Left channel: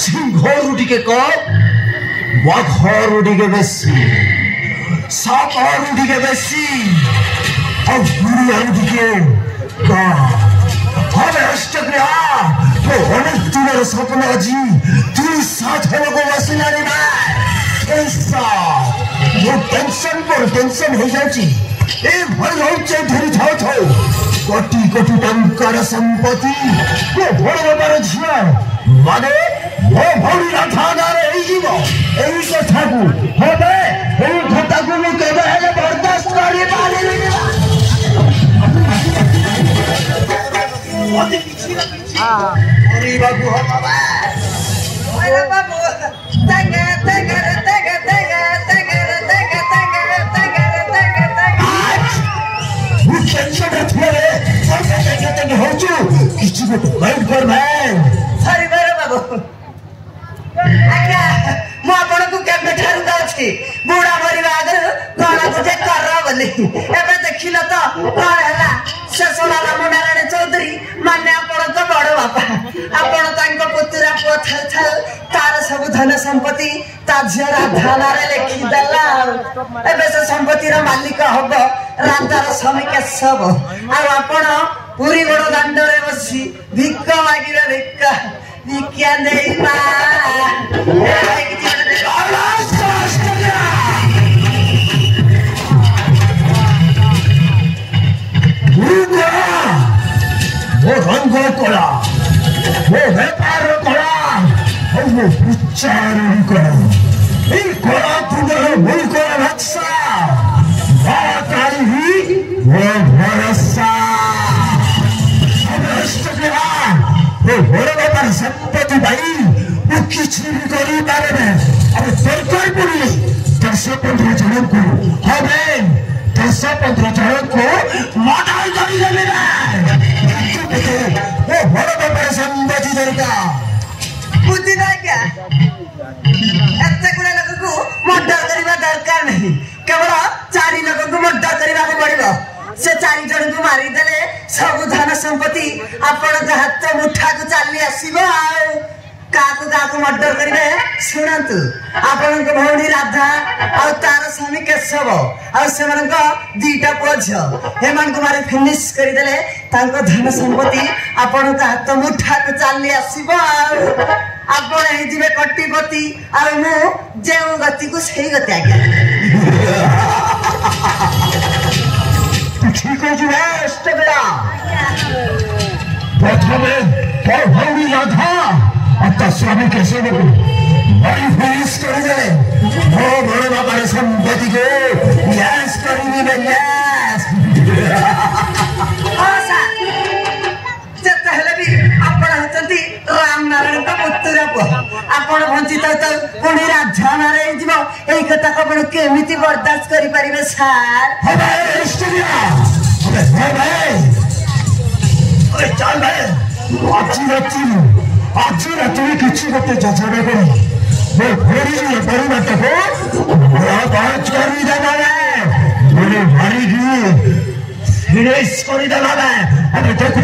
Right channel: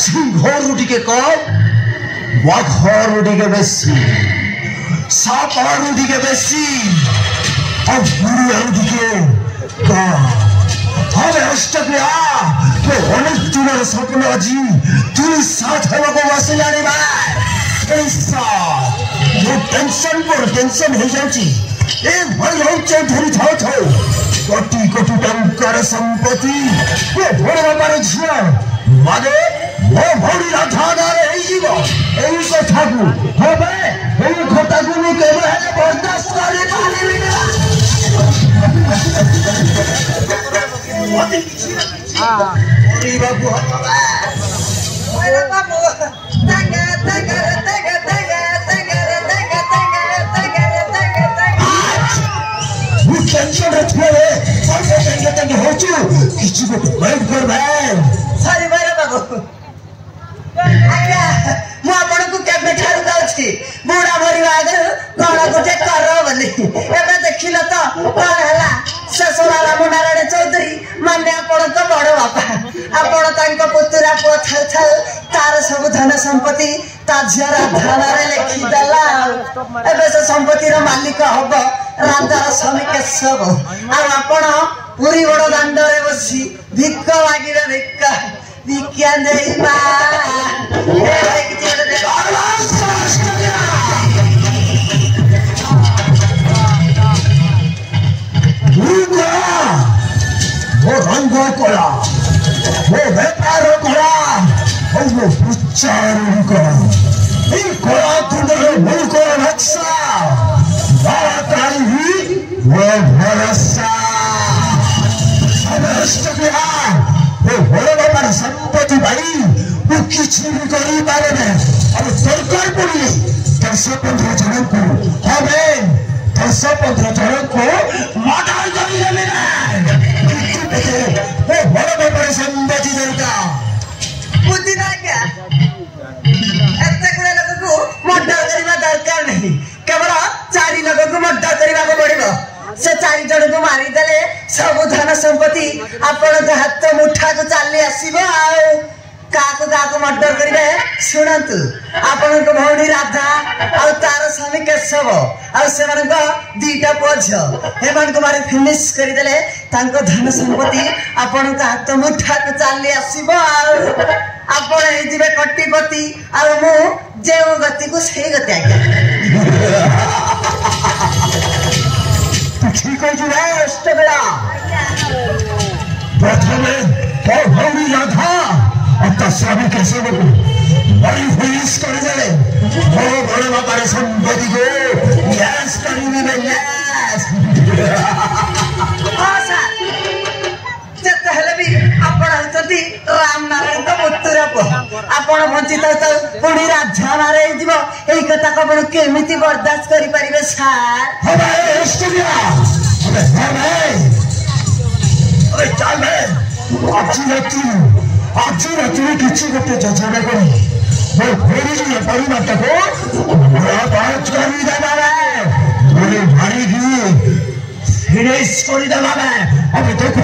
सिंहरु टिके कम बाघरु टिके बेसी सापरु टिके बेसी और बुढ़ियारु टिके कम हमें अष्टक्रिया वो अनेक दिनर स्वप्न अजी तुम साथ लोगों वसुलाने ऐसा वो टेंशन पर टेंशन है जाची ए भाई लोग चौधरी थाओ थाओ कोटी कोटी टंकर संपत्ति वो बड़े बड़े झिया माने वो भौरी राधादार है जीवो एही से ठाकू होबे एही खोटाकू में केबे है बर्दाश्त करी पानी हां अरे बाबू अरे बाबू तंगे तंगे तंगे तंगे तंगे तंगे तंगे तंगे वो टेंशन रखले और तंगे तंगे हो चु किसी को माइंड कर भाई सॉरी मेरे बाबू आज्ञा मु आपण को केबे ठारू जाछि बुढ़ा भरी आगे कोना गुटे कर बोली एबे देखिल तो कोन हला ससुराला मुंडारे चौधरी माने आपण को बड़ बापा आपण तांको पुतरा पुଅ थाल तार सब धन संपत्ति ता झियरा धानारे लेखि देला एबे से संपत्ति रो मालिक हबो राधार स्वामी के सब आ आपण पूरी बड़ दांडरे बसी भिक्क मागिरे भिक्क भिक्या देइबा वो रंग कला वो व्यापार कला और वो प्रचार कला ये कला तुम्हारे मुल्क का रक्षा बाकारी ही वो भरोसा वो बड़े बड़ा संपत्ति भाई वो किसी भी करी बारे में अब सरकार पड़ी 10-15 जनों को हमें 10-15 जनों को मर्डर कर देना वो बड़ा बड़ा संपत्ति दरकार बुद्धि ना क्या ऐसे कुछ लोगों को मर्डर करना दरकार नहीं केवल 4 लोगों को मर्डर करना को पड़ेगा से 4 जन को मारी देले सब धन संपत्ति आपण हाथ मुठा को चली आसीबो आ काको मर्डर करिवे सुनंतु आपण को भौणी राधा और तार स्वामी केशव और से मन को दीटा पोछ हेमन कुमार फिनिश करि देले तांको धन संपत्ति आपण को हाथ मुठा को चली आसीबो आ आपण हे दिबे कोटिपति और मु जेउ गति को सही गति आके ठीक हो जुड़ा अष्टगड़ा प्रथमे और भौरी राधा और स्वामी कैसे बड़ी फेस कर दे वो बड़े बाबा संपत्ति को यस करी भी यस जब पहले भी आपण हचंती राम नारायण तो पुत्र को आपण वंचित तो पुणी राधा मारे जीव एई कथा को आपण केमिति बर्दाश्त करि परिबे सार हमारे स्टूडियो अबे अरे चल भाई आज राति किसी गोटे योजना करी वो घोड़ी परिवार को बात करी देबा मारी फिनिश कर देबा अबे देखु